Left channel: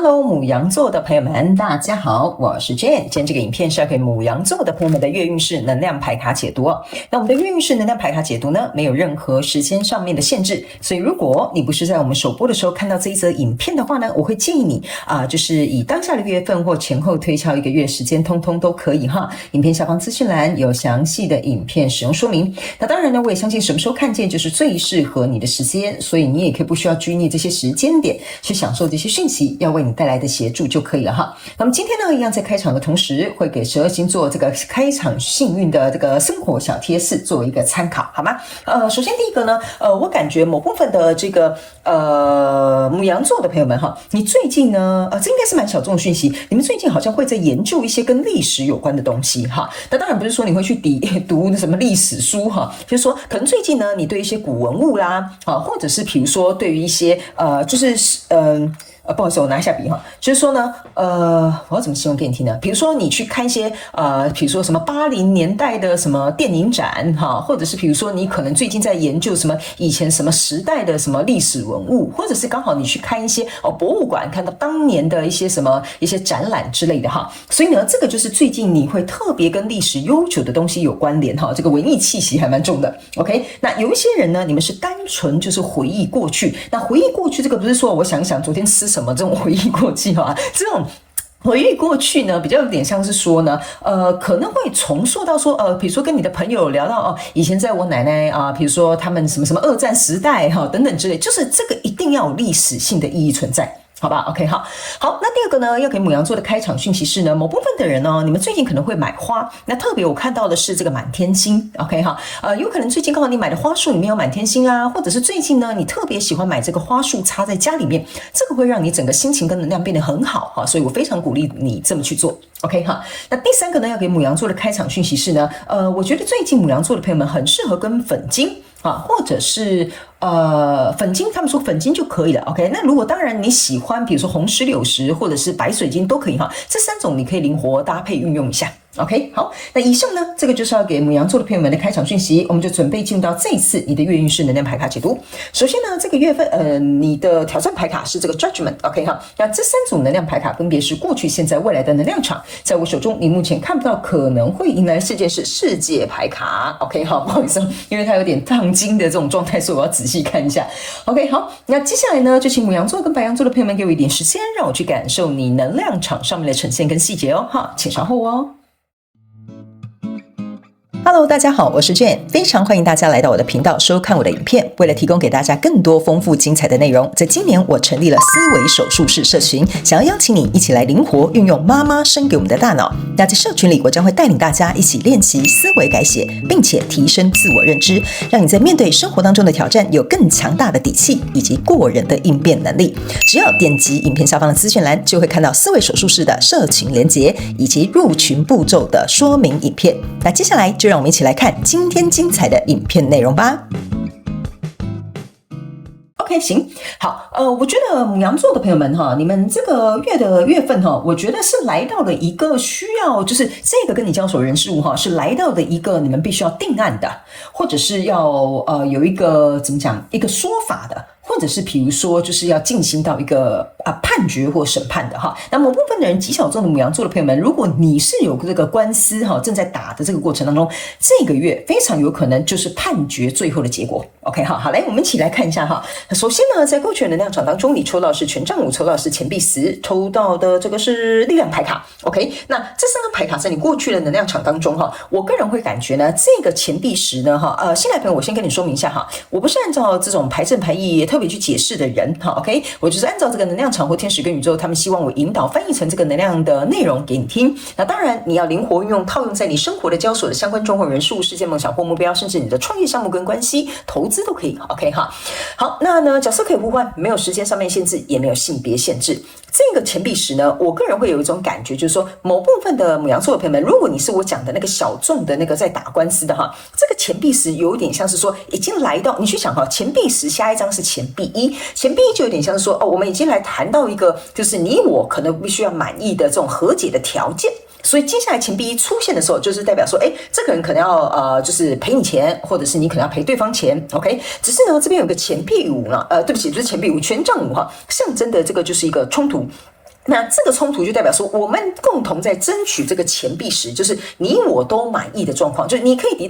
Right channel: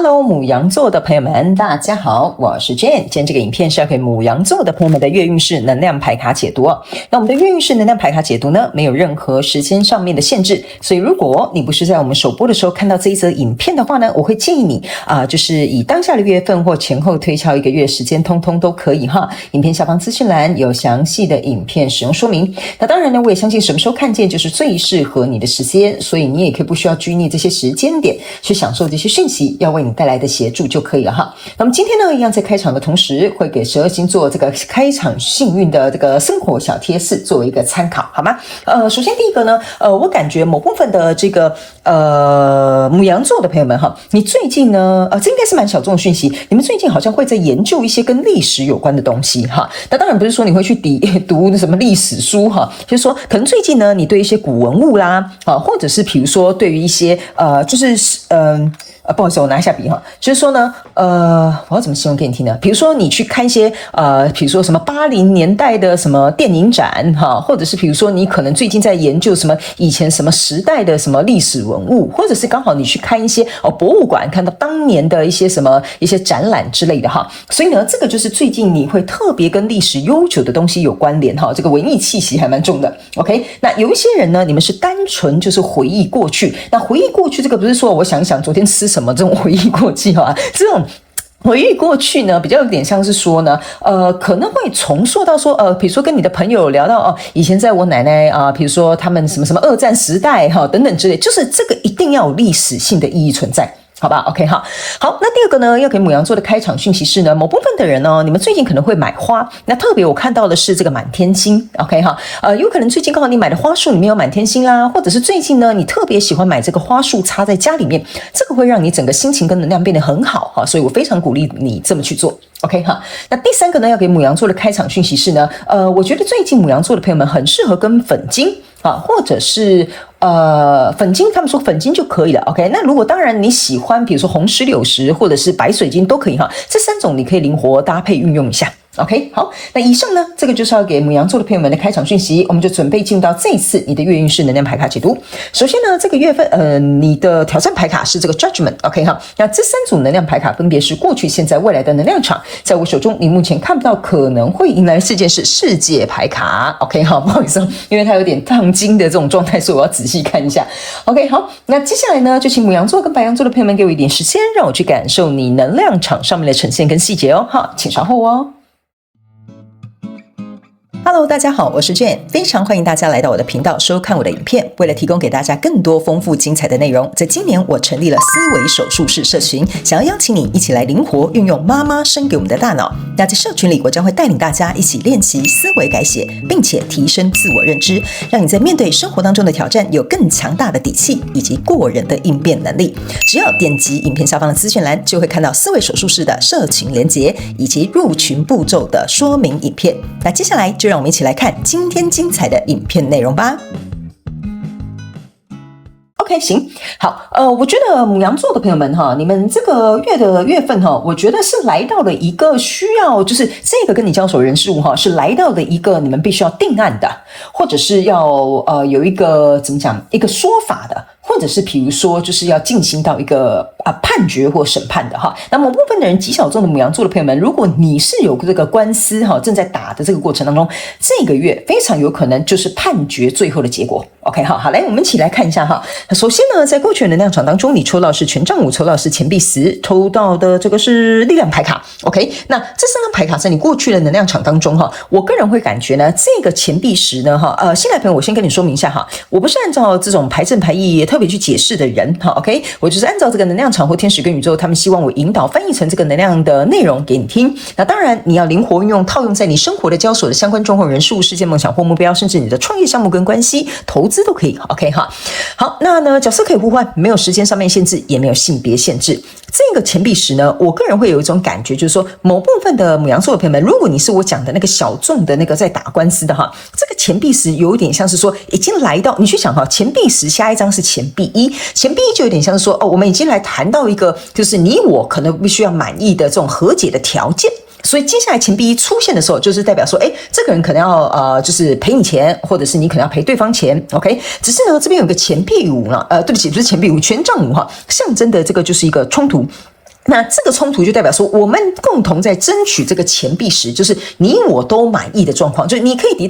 Hello， 牡羊座的朋友們，大家好，我是 Jane。今天這個影片是要給牡羊座的朋友們的月運勢能量牌卡解讀哦。那我們的月運勢能量牌卡解讀呢，沒有任何時間上面的限制，所以如果你不是在我們首播的時候看到這一則影片的話呢，我會建議你就是以當下的月份或前後推敲一個月時間，通通都可以哈。影片下方資訊欄有詳細的影片使用說明。那當然呢，我也相信什麼時候看見就是最適合你的時間，所以你也可以不需要拘泥這些時間點去享受這些訊息，要為你帶來的協助就可以了哈。那麼今天呢，一樣在開場的同時，會給12星座這個開場幸運的這個生活小貼士作為一個參考，好嗎？首先第一個呢，我感覺某部分的這個牡羊座的朋友們哈，你最近呢，這應該是蠻小眾的訊息，你們最近好像會在研究一些跟歷史有關的東西哈。那當然不是說你會去讀什麼歷史書哈，就是說可能最近呢，你對一些古文物啦或者是比如說對於一些不好意思，我拿一下筆哈。就是說呢，我要怎麼形容給你聽呢？比如說你去看一些比如說什麼80年代的什麼電影展哈，或者是比如說你可能最近在研究什麼以前什麼時代的什麼歷史文物，或者是剛好你去看一些博物館，看到當年的一些展覽之類的哈。所以呢，這個就是最近你會特別跟歷史悠久的東西有關聯哈，這個文藝氣息還蠻重的。OK， 那有一些人呢，你們是單純就是回憶過去。那回憶過去這個不是說我想一想昨天吃什麼這種回憶過去哈，這種回憶過去呢，比較有點像是說呢，可能會重塑到說，比如說跟你的朋友聊到以前在我奶奶比如說他們什麼二戰時代哈等等之類，就是這個一定要有歷史性的意義存在。好吧 ，OK 哈，好，那第二個呢，要給牡羊座的開場訊息是呢，某部分的人呢，你們最近可能會買花，那特別我看到的是這個滿天星 ，OK 哈，有可能最近剛好你買的花束裡面有滿天星啦，或者是最近呢，你特別喜歡買這個花束插在家裡面，這個會讓你整個心情跟能量變得很好哈，所以我非常鼓勵你這麼去做 ，OK 哈。那第三個呢，要給牡羊座的開場訊息是呢，我覺得最近牡羊座的朋友們很適合跟粉晶或者是粉晶，他們說粉晶就可以了 ，OK。那如果當然你喜歡，比如說紅石榴石或者是白水晶都可以哈，這三種你可以靈活搭配運用一下。OK， 好，那以上呢，這個就是要給牡羊座的朋友們的開場訊息，我們就準備進入到這一次你的月運勢能量牌卡解讀。首先呢，這個月份你的挑戰牌卡是這個 Judgment，OK 哈，那這三組能量牌卡分別是過去、現在、未來的能量場，在我手中你目前看不到可能會迎來事件是世界牌卡 ，OK 好，不好意思，因為它有點燙金的這種狀態，所以我要仔細看一下。OK 好，那接下來呢，就請牡羊座跟白羊座的朋友們給我一點時間，讓我去感受你能量場上面的呈現跟細節哦，哈，請稍後哦。Hello， 大家好，我是 Jane， 非常歡迎大家來到我的頻道收看我的影片。為了提供給大家更多豐富精彩的內容，在今年我成立了思維手術室社群，想要邀請你一起來靈活運用媽媽生給我們的大腦。那在社群裡，我將會帶領大家一起練習思維改寫，並且提升自我認知，讓你在面對生活當中的挑戰有更強大的底氣以及過人的應變能力。只要點擊影片下方的資訊欄，就會看到思維手術室的社群連結以及入群步驟的說明影片。那接下來就讓我們一起來看今天精彩的影片內容吧。OK， 行，好，我覺得牡羊座的朋友們哈，你們這個月份哈，我覺得是來到了一個需要，就是這個跟你交手人事物哈，是來到了一個你們必須要定案的，或者是要有一個怎麼講，一個說法的。或者是比如說就是要進行到一個判決或審判的哈，那某部分的人極小眾的牡羊座的朋友們，如果你是有這個官司哈正在打的這個過程當中，這個月非常有可能就是判決最後的結果。OK 好，來我們一起來看一下哈。首先呢，在過去的能量場當中，你抽到是權杖5，抽到是錢幣10，抽到的這個是力量牌卡。OK， 那這三張牌卡在你過去的能量場當中哈，我個人會感覺呢，這個錢幣10呢哈，新來朋友我先跟你說明一下哈，我不是按照這種牌陣牌意特別去解釋的人哈 ，OK， 我就是按照這個能量場或天使跟宇宙，他們希望我引導翻譯成這個能量的內容給你聽。那當然你要靈活運用，套用在你生活的交手的相關狀況、人事物、事件、夢想或目標，甚至你的創業項目跟關係、投資都可以。OK 哈，好，那呢角色可以互換，沒有時間上面限制，也沒有性別限制。這個錢幣10呢，我個人會有一種感覺，就是說某部分的牡羊座的朋友們，如果你是我講的那個小眾的那個在打官司的哈，這個錢幣10有一點像是說已經來到，你去想哈，錢幣10下一張是錢幣1，錢幣1就有點像是說我們已經來談到一個就是你我可能必須要滿意的這種和解的條件。所以接下來錢幣1出現的時候，就是代表說，這個人可能要就是賠你錢，或者是你可能要賠對方錢 ，OK？ 只是呢，這邊有個錢幣5呢，對不起，不是錢幣5，權杖5哈，象徵的這個就是一個衝突。那這個衝突就代表說，我們共同在爭取這個錢幣石，就是你我都滿意的狀況，就是你可以得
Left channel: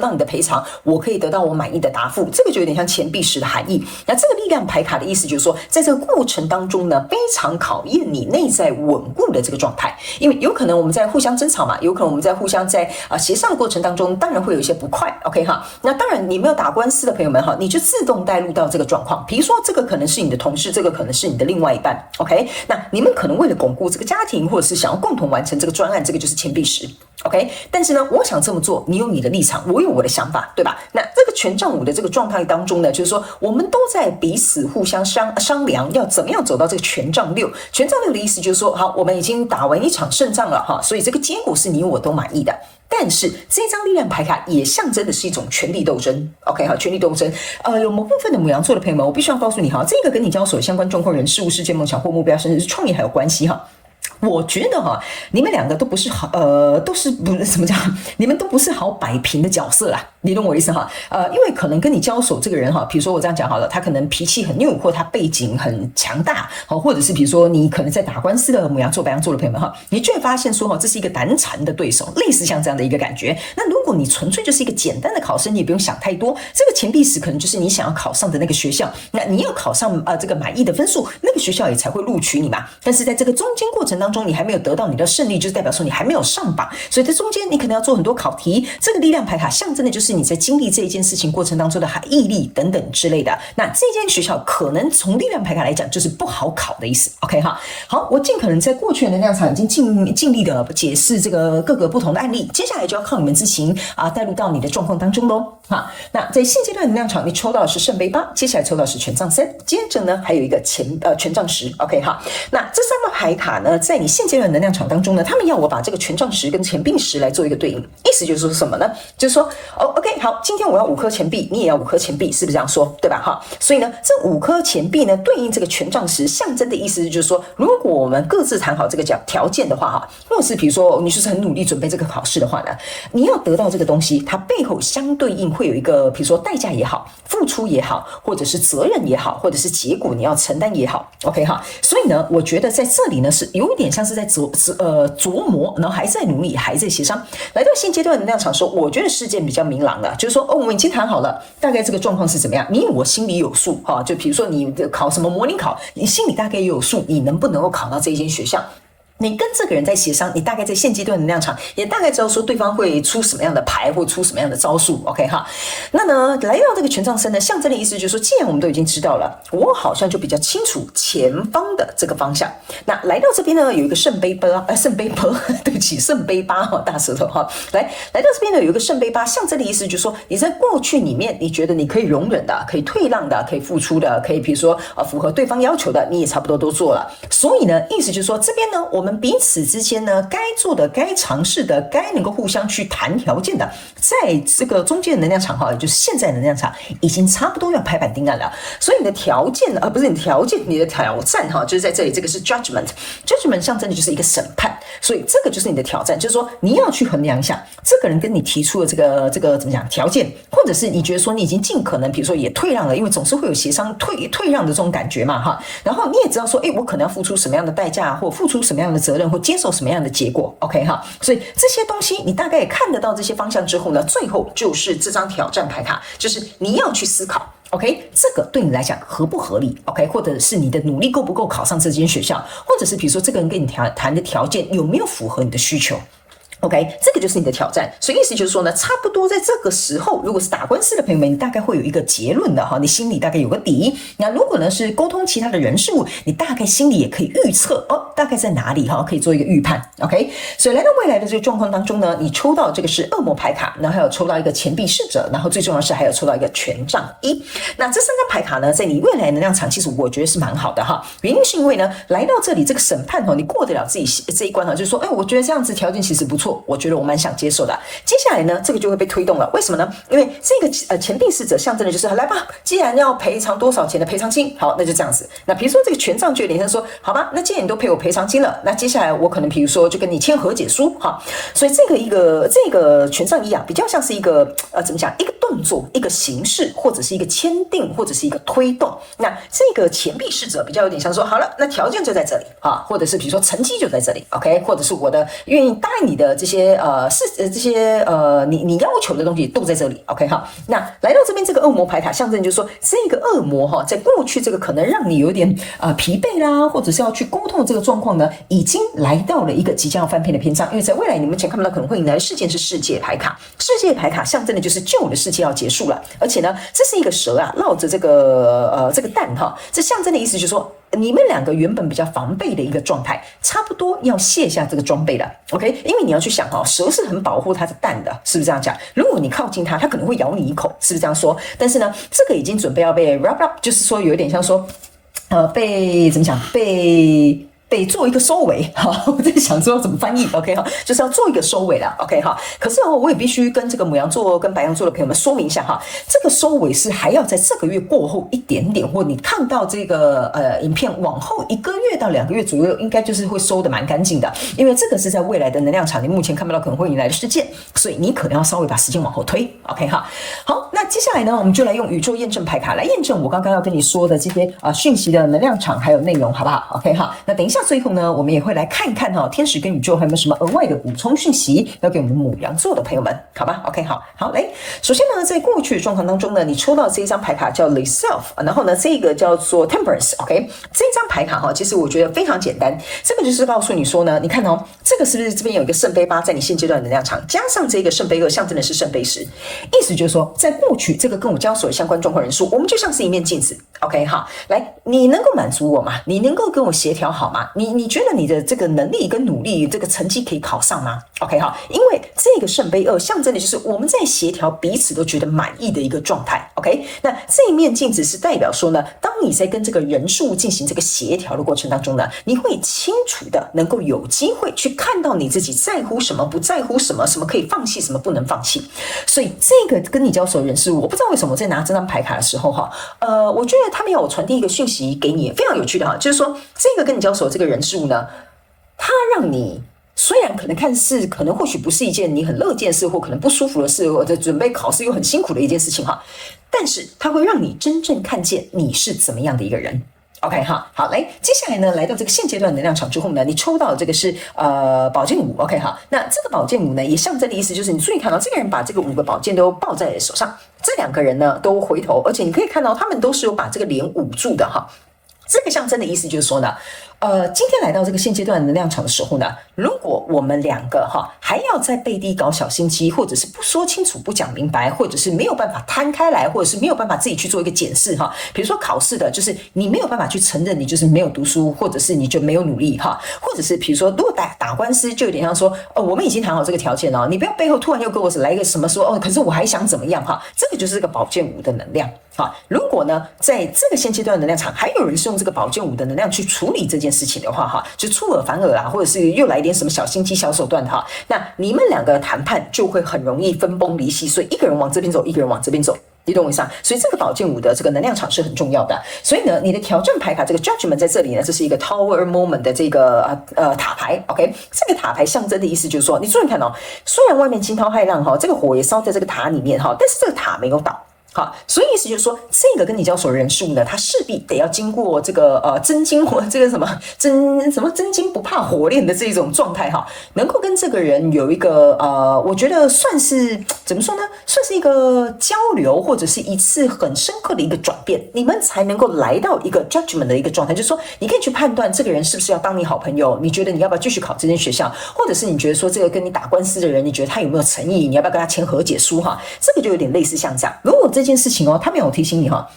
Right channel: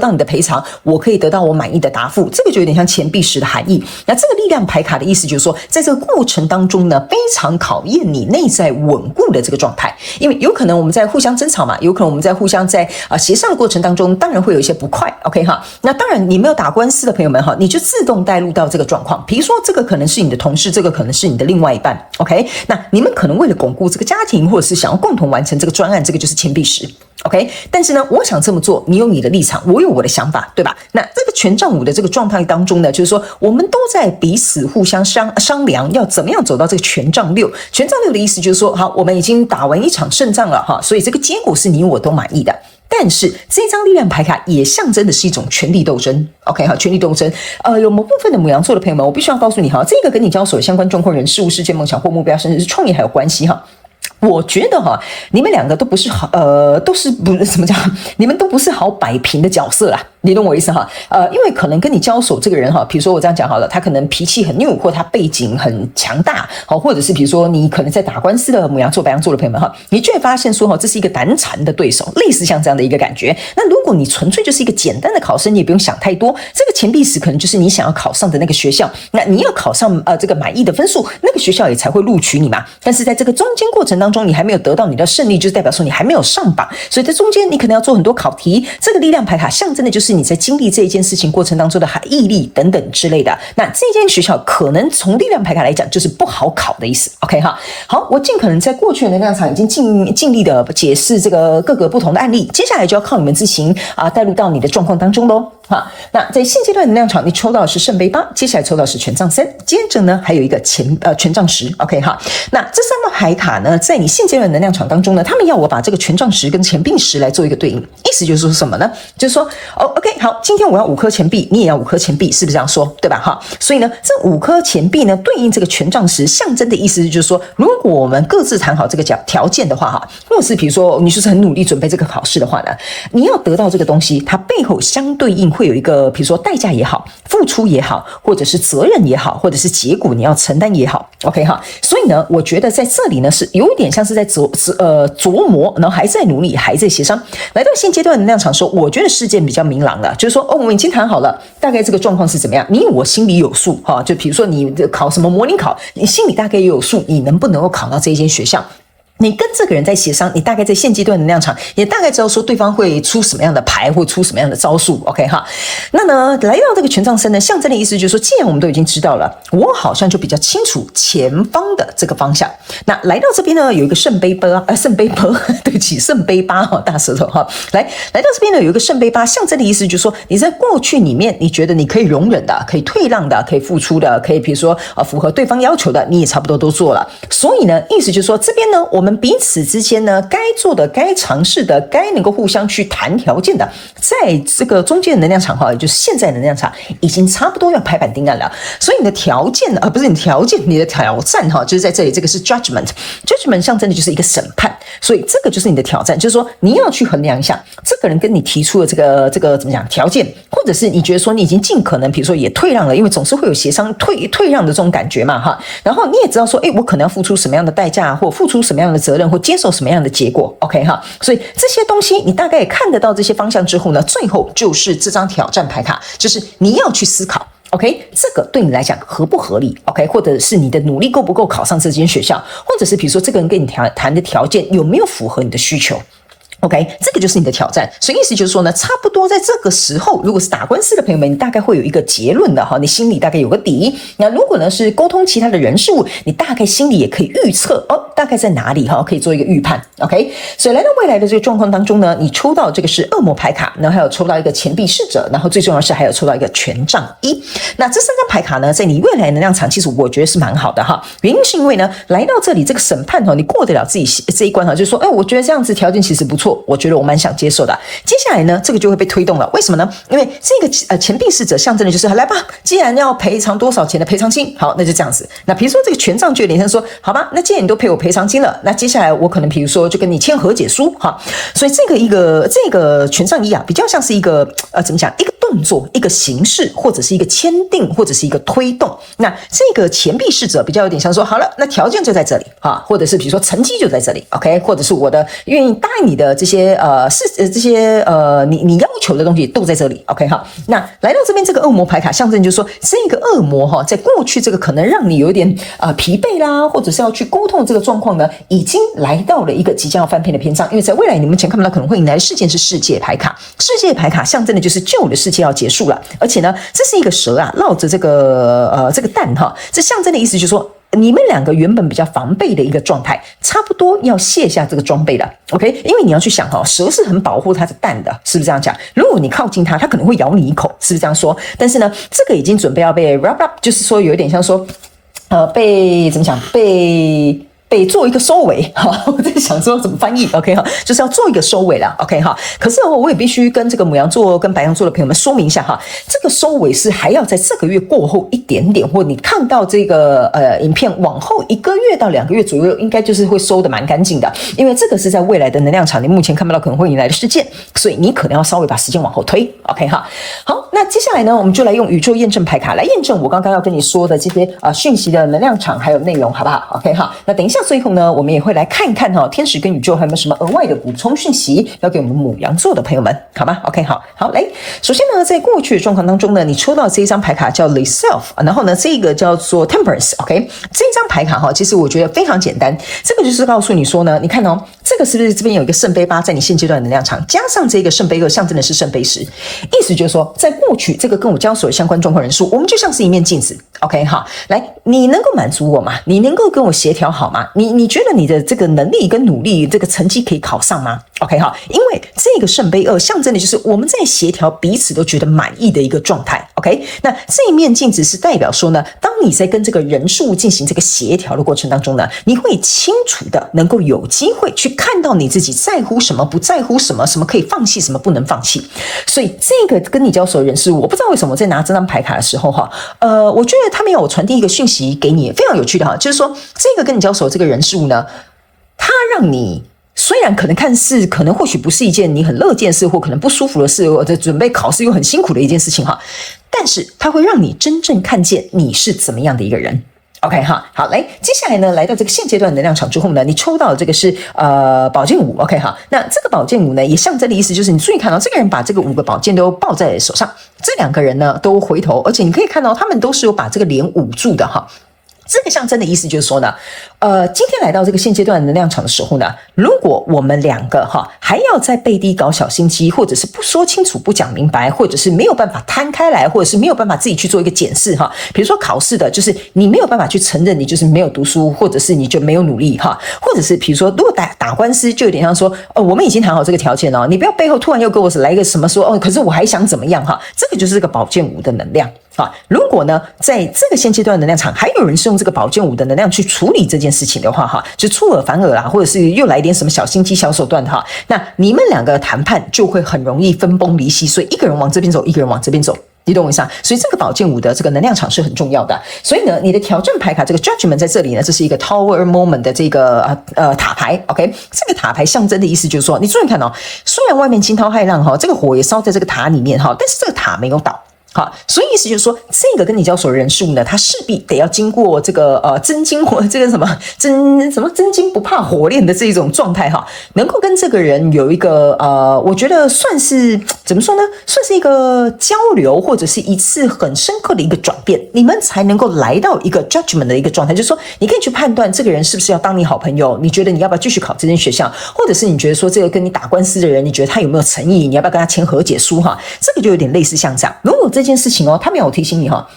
到你的賠償，我可以得到我滿意的答覆，這個就有點像錢幣石的含義。那這個力量牌卡的意思就是說，在這個過程當中呢，非常考驗你內在穩固的這個狀態，因為有可能我們在互相爭吵嘛，有可能我們在互相協商的過程當中，當然會有一些不快 ，OK 哈。那當然你沒有打官司的朋友們哈，你就自動帶入到這個狀況，比如說這個可能是你的同事，這個可能是你的另外一半 ，OK， 那你們可能為了鞏固這個家庭，或者是想要共同完成這個專案，這個就是錢幣石 ，OK。但是呢，我想這麼做，你有你的立場，我有我的想法，對吧？那這個權杖五的這個狀態當中呢，就是說我們都在彼此互相商量，要怎麼樣走到這個權杖六。權杖六的意思就是說，好，我們已經打完一場勝仗了哈，所以這個結果是你我都滿意的。但是這張力量牌卡也象徵的是一種權力鬥爭 ，OK 哈，權力鬥爭。有某部分的牡羊座的朋友們，我必須要告訴你哈，這個跟你交手相關狀況、人、事物、事件、夢想或目標，甚至是創業還有關係哈。我覺得哈，你們兩個都不是好，都是不怎麼講，你們都不是好擺平的角色啦，你懂我意思哈？因為可能跟你交手這個人哈，比如說我這樣講好了，他可能脾氣很拗，或他背景很強大，好，或者是比如說你可能在打官司的牡羊座、白羊座的朋友們哈，你就會發現說哈，這是一個難纏的對手，類似像這樣的一個感覺。那如果你純粹就是一個簡單的考生，你也不用想太多，這個錢幣石可能就是你想要考上的那個學校，那你要考上這個滿意的分數，那個學校也才會錄取你嘛。但是在這個中間過程當中，你還沒有得到你的勝利，就是代表說你還沒有上榜，所以在中間你可能要做很多考題。這個力量牌卡象徵的就是你在經歷這一件事情過程當中的毅力等等之類的。那這間學校可能從力量牌卡來講就是不好考的意思 ，OK 哈。好，我盡可能在過去的能量場已經盡力的解釋這個各個不同的案例，接下來就要靠你們自行帶入到你的狀況當中嘍。好，那在現階段能量場，你抽到的是聖杯八，接下來抽到的是权杖三，接着呢還有一個權杖十 ，OK 哈。那這三張牌卡呢，在你現階段能量場當中呢，他們要我把這個權杖十跟錢幣石來做一個對應，意思就是說什麼呢？就是說，OK 好，今天我要5顆錢幣，你也要5顆錢幣，是不是這樣說？對吧？哈，所以呢，這5顆錢幣呢，對應這個權杖石，象徵的意思就是說，如果我們各自談好這個條件的話，哈，或者是比如說你就是很努力準備這個考試的話呢，你要得到這個東西，它背後相對應會有一個，比如說代價也好，付出也好，或者是責任也好，或者是結果你要承擔也好 ，OK 哈。所以呢，我覺得在這裡呢是有一點像是在琢磨，然後還在努力，還在協商。來到現階段能量場的時候，我覺得事件比較明朗的，就是說，我們已經談好了，大概這個狀況是怎麼樣，你我心裡有數哈。就比如說你考什麼模擬考，你心裡大概也有數，你能不能夠考到這一間學校？你跟這個人在協商，你大概在現階段能量場也大概知道說對方會出什麼樣的牌或出什麼樣的招數 ，OK 哈。那呢，來到這個權杖三呢，象徵的意思就是說，既然我們都已經知道了，我好像就比較清楚前方的這個方向。那來到這邊呢，有一個聖杯八，對不起，聖杯八哈，大舌頭哈。來到這邊呢，有一個聖杯八，象徵的意思就是說，你在過去裡面，你覺得你可以容忍的，可以退讓的，可以付出的，可以比如說符合對方要求的，你也差不多都做了。所以呢，意思就是說，這邊呢，我們彼此之間呢，該做的、該嘗試的、該能夠互相去談條件的，在這個中間的能量場哈，也就是現在能量場已經差不多要拍板定案了。所以你的條件不是你的條件，你的挑戰哈，就是在這裡，這個是 judgment 象徵的就是一個審判，所以這個就是你的挑戰，就是說你要去衡量一下，這個人跟你提出的這個怎麼講條件，或者是你覺得說你已經盡可能，比如說也退讓了，因為總是會有協商退讓的這種感覺嘛哈。然後你也知道說，我可能要付出什麼樣的代價，或付出什麼樣的責任，或接受什麼樣的結果 ，OK 哈，所以這些東西你大概也看得到這些方向之後呢，最後就是這張挑戰牌卡，就是你要去思考 ，OK， 這個對你來講合不合理 ，OK， 或者是你的努力夠不夠考上這間學校，或者是比如說這個人跟你談的條件有沒有符合你的需求。OK， 這個就是你的挑戰，所以意思就是說呢，差不多在這個時候，如果是打官司的朋友們，你大概會有一個結論的哈，你心裡大概有個底。那如果呢是溝通其他的人事物，你大概心裡也可以預測大概在哪裡哈，可以做一個預判。OK， 所以來到未來的這個狀況當中呢，你抽到這個是惡魔牌卡，然後還有抽到一個錢幣侍者，然後最重要的是還有抽到一個權杖一。那這三張牌卡呢，在你未來能量場，其實我覺得是蠻好的哈。原因是因為呢，來到這裡這個審判哈，你過得了自己這一關哈，就是說，我覺得這樣子條件其實不錯。我覺得我蠻想接受的。接下來呢，這個就會被推動了。為什麼呢？因為這個錢幣侍者象徵的就是來吧，既然要賠償多少錢的賠償金，好，那就這樣子。那比如說這個權杖就有點像說，好吧，那既然你都陪我賠賠償金了，那接下來我可能比如說就跟你簽和解書哈，所以這個權杖一啊，比較像是一個怎麼講，一個動作，一個形式，或者是一個簽訂，或者是一個推動。那這個錢幣侍者比較有點像說，好了，那條件就在這裡哈，或者是比如說成績就在這裡 ，OK， 或者是我的願意答應你的這些你要求的東西都在這裡 ，OK 哈。那來到這邊這個惡魔牌卡象徵就是說，這個惡魔哈，在過去這個可能讓你有點疲憊啦，或者是要去溝通的這個狀況呢，已經來到了一個即將要翻篇的篇章。因為在未來你們前看不到可能會迎來的事件是世界牌卡，世界牌卡象徵的就是舊的世界要結束了，而且呢，這是一個蛇啊繞着這個蛋哈，這象徵的意思就是說，你們兩個原本比較防備的一個狀態，差不多要卸下這個裝備了 ，OK？因為你要去想哈，蛇是很保護它的蛋的，是不是這樣講？如果你靠近它，它可能會咬你一口，是不是這樣說？但是呢，這個已經準備要被 wrap up， 就是說有點像說，被怎麼講？被做一個收尾，哈，我在想說怎麼翻譯 ，OK 哈，就是要做一個收尾了 ，OK 哈。可是我也必須跟這個牡羊座跟白羊座的朋友們說明一下哈，這個收尾是還要在這個月過後一點點，或你看到這個影片往後1個月到2個月左右，應該就是會收得蠻乾淨的，因為這個是在未來的能量場，你目前看不到可能會迎來的事件，所以你可能要稍微把時間往後推 ，OK 哈。好，那接下來呢，我們就來用宇宙驗證牌卡來驗證我剛剛要跟你說的這些訊息的能量場還有內容，好不好 ？OK 哈。那等一下。最後呢，我們也會來看一看哈，天使跟宇宙還有沒有什麼額外的補充訊息要給我們牡羊座的朋友們，好吧 ？OK， 好，來，首先呢，在過去的狀況當中呢，你抽到這一張牌卡叫 The Self， 然後呢，這個叫做 Temperance，OK， 這張牌卡哈，其實我覺得非常簡單，這個就是告訴你說呢，你看哦，這個是不是這邊有一個聖杯8在你現階段的能量場，加上這個聖杯2象徵的是聖杯10，意思就是說，在過去這個跟我交手的相關狀況人數，我們就像是一面鏡子 ，OK， 好，來，你能夠滿足我嗎？你能夠跟我協調好嗎？你覺得你的這個能力跟努力，這個成績可以考上嗎 ？OK 好，因為這個聖杯2象徵的就是我們在協調彼此都覺得滿意的一個狀態。OK， 那這一面鏡子是代表說呢，當你在跟這個人數進行這個協調的過程當中呢，你會清楚的能夠有機會去看到你自己在乎什麼，不在乎什麼，什麼可以放棄，什麼不能放棄。所以這個跟你交手的人是我不知道為什麼在拿這張牌卡的時候哈，我覺得他們要我傳遞一個訊息給你，非常有趣的哈，就是說這個跟你交手這個人數呢，他讓你雖然可能看似可能或許不是一件你很樂見的事，或可能不舒服的事，或者準備考試又很辛苦的一件事情哈，但是它會讓你真正看見你是怎麼樣的一個人。OK 哈，好，來，接下來呢，來到這個現階段的能量場之後呢，你抽到的這個是寶劍5 ，OK 哈，那這個寶劍5呢，也象徵的意思就是你注意看到這個人把這個5個寶劍都抱在手上，這2個人呢都回頭，而且你可以看到他們都是有把這個臉捂住的哈。這個象徵的意思就是說呢，今天來到這個現階段的能量場的時候呢，如果我們2個還要在背地搞小心機，或者是不說清楚、不講明白，或者是沒有辦法攤開來，或者是沒有辦法自己去做一個檢視哈，比如說考試的，就是你沒有辦法去承認你就是沒有讀書，或者是你就沒有努力哈，或者是比如說如果打官司，就有點像說，我們已經談好這個條件哦，你不要背後突然又給我來一個什麼說可是我還想怎麼樣哈，這個就是這個寶劍5的能量。如果呢，在這個現階段的能量場，還有人是用這個寶劍5的能量去處理這件事情的話，就出爾反爾啦，或者是又來一點什麼小心機、小手段哈，那你們2個的談判就會很容易分崩離析，所以一個人往這邊走，一個人往這邊走。你懂我意思啊？所以這個寶劍5的這個能量場是很重要的。所以呢，你的挑戰牌卡這個 Judgment 在這裡呢，這是一個 Tower Moment 的這個塔牌。OK， 這個塔牌象徵的意思就是說，你注意看哦，雖然外面驚濤駭浪哈，這個火也燒在這個塔裡面哈，但是這個塔沒有倒。好，所以意思就是說，這個跟你交手的人數呢，他勢必得要經過這個真金這個什麼真金不怕火煉的這種狀態哈，能夠跟這個人有一個我覺得算是怎麼說呢，算是一個交流，或者是一次很深刻的一個轉變，你們才能夠來到一個 judgment 的一個狀態，就是說你可以去判斷這個人是不是要當你好朋友，你覺得你要不要繼續考這間學校，或者是你覺得說這個跟你打官司的人，你覺得他有沒有誠意，你要不要跟他簽和解書哈，這個就有點類似像這樣。如果這件事情他沒有提醒你哈，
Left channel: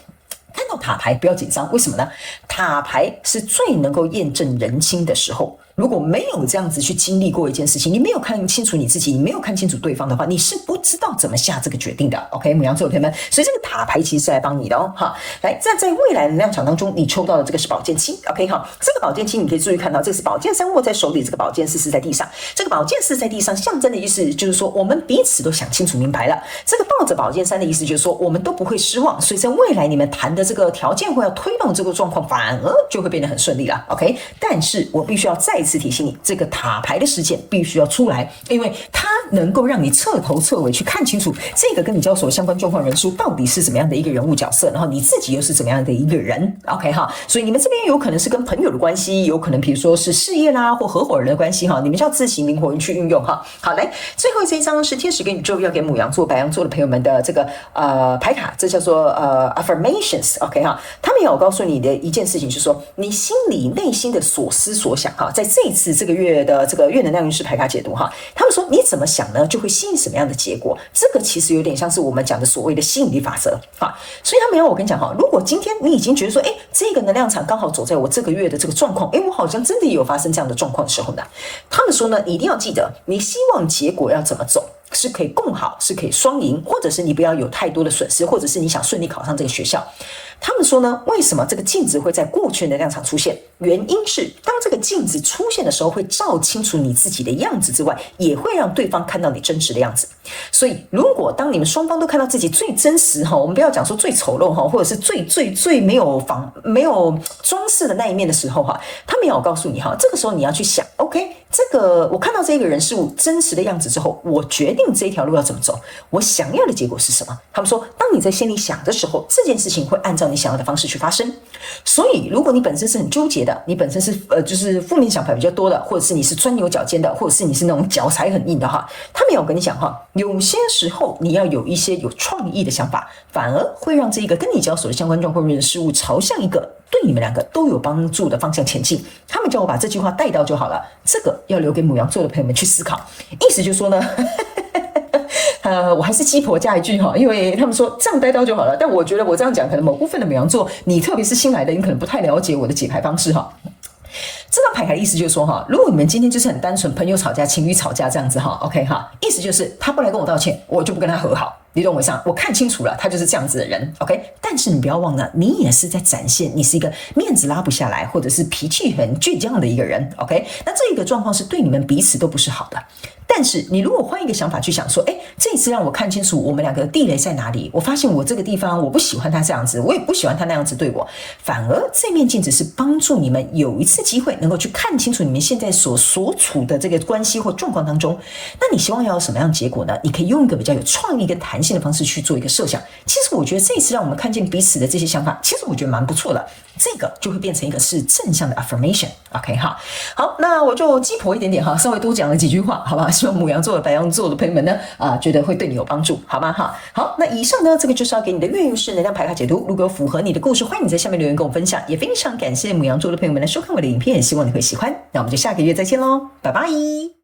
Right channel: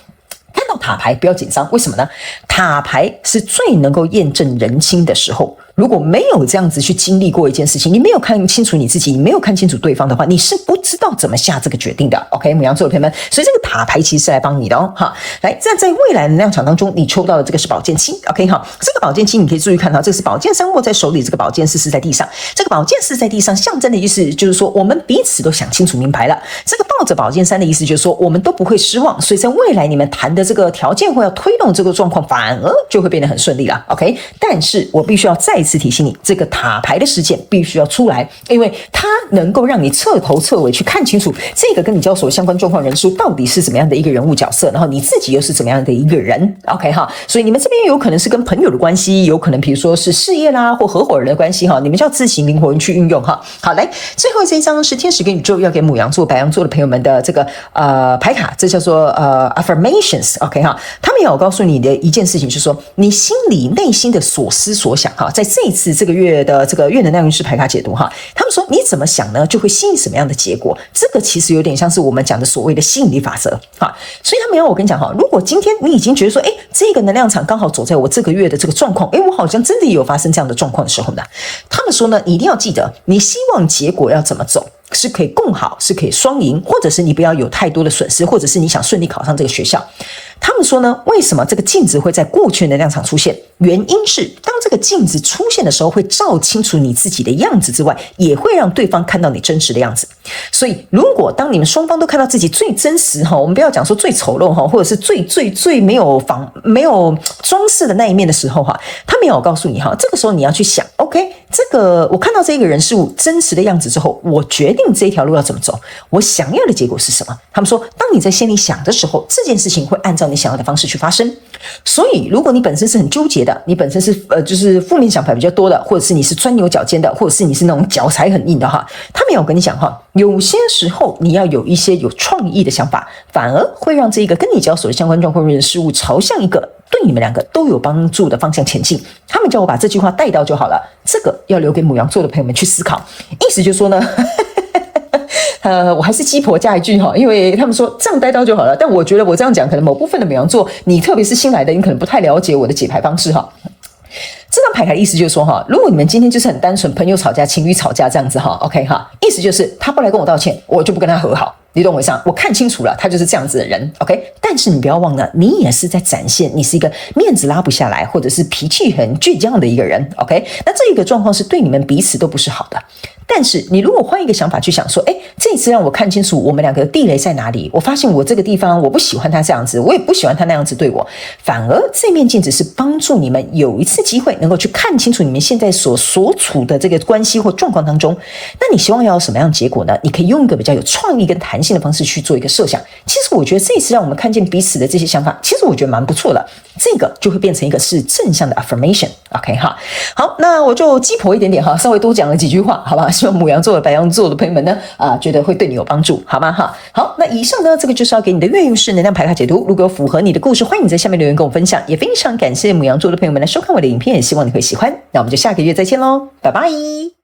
看到塔牌不要緊張，為什麼呢？塔牌是最能夠驗證人心的時候。如果沒有這樣子去經歷過一件事情，你沒有看清楚你自己，你沒有看清楚对方的話，你是不知道怎麼下這個決定的。OK，牡羊座的朋友們，所以這個塔牌其實是來幫你的哦。好，來，在未來能量場當中，你抽到的這個是寶劍7。OK， 好，這個寶劍7你可以注意看到，這是寶劍3握在手裡，這個寶劍4是在地上。這個寶劍4在地上，象徵的意思就是說，我們彼此都想清楚明白了。這個抱着寶劍3的意思就是說，我們都不會失望。所以在未來你們談的這個條件或要推動這個狀況，反而就會變得很順利了。OK， 但是我必須要再次提醒你，這個塔牌的事件必須要出來，因為它能夠讓你徹頭徹尾去看清楚這個跟你交手相關狀況人數到底是怎麼樣的一個人物角色，然後你自己又是怎麼樣的一個人。OK 哈，所以你們這邊有可能是跟朋友的關係，有可能比如說是事業啦或合夥人的關係哈，你們就要自行靈活去運用哈。好，來最後這一張是天使跟宇宙要給牡羊座、白羊座的朋友們的這個牌卡，這叫做affirmations。OK 哈，他們也有告訴你的一件事情，就是說你心裡內心的所思所想哈，在這一次這個月的這個月能量運勢牌卡解讀哈，他們說你怎麼想呢，就會吸引什麼樣的結果。這個其實有點像是我們講的所謂的吸引力法則哈。所以他們要我跟你講哈，如果今天你已經覺得說，哎，這個能量場剛好走在我這個月的這個狀況，哎，我好像真的也有發生這樣的狀況的時候呢，他們說呢，你一定要記得，你希望結果要怎麼走。是可以共好，是可以雙贏，或者是你不要有太多的損失，或者是你想順利考上這個學校。他們說呢，為什麼這個鏡子會在過去的能量場出現？原因是當這個鏡子出現的時候，會照清楚你自己的樣子之外，也會讓對方看到你真實的樣子。所以，如果當你們雙方都看到自己最真實哈，我們不要講說最醜陋哈，或者是最沒有裝飾的那一面的時候哈，他們有告訴你哈，這個時候你要去想 ，OK， 這個我看到這個人事物真實的樣子之後，我決定這條路要怎麼走，我想要的結果是什麼？他們說，當你在心裡想的時候，這件事情會按照你想要的方式去發生。所以，如果你本身是很糾結的，你本身是就是負面想法比較多的，或者是你是鑽牛角尖的，或者是你是那種脚踩很硬的哈，他們有跟你講哈，有些時候你要有一些有創意的想法，反而會讓這個跟你交手的相關狀況或者事物朝向一個對你們兩個都有幫助的方向前進。他們叫我把這句話帶到就好了，這個要留給牡羊座的朋友們去思考。意思就是說呢。我還是雞婆加一句哈，因為他們說這樣帶到就好了，但我覺得我這樣講，可能某部分的牡羊座，你特別是新來的，你可能不太了解我的解牌方式哈。這張牌卡的意思就是說哈，如果你們今天就是很單純，朋友吵架、情侶吵架這樣子哈 ，OK 哈，意思就是他不來跟我道歉，我就不跟他和好。你懂我意思啊？我看清楚了，他就是這樣子的人 ，OK。但是你不要忘了，你也是在展現你是一個面子拉不下來，或者是脾氣很倔強的一個人 ，OK。那這個狀況是對你們彼此都不是好的。但是你如果換一個想法去想說，哎，這一次讓我看清楚我們兩個的地雷在哪裡，我發現我這個地方我不喜歡他這樣子，我也不喜歡他那樣子對我，反而這面鏡子是幫助你們有一次機會能夠去看清楚你們現在所處的這個關係或狀況當中。那你希望要有什麼樣的結果呢？你可以用一個比較有創意跟彈性的方式去做一個設想。其實我覺得這一次讓我們看見彼此的這些想法，其實我覺得蠻不錯的。這個就會變成一個是正向的 affirmation。OK 哈，好，那我就雞婆一點點哈，稍微多講了幾句話，好吧？希望牡羊座的、白羊座的朋友們呢，覺得會對你有幫助，好嗎？哈，好，那以上呢，這個就是要給你的月運勢能量牌卡解讀。如果有符合你的故事，歡迎你在下面留言跟我分享。也非常感謝牡羊座的朋友們來收看我的影片，也希望你會喜歡。那我們就下個月再見嘍，拜拜。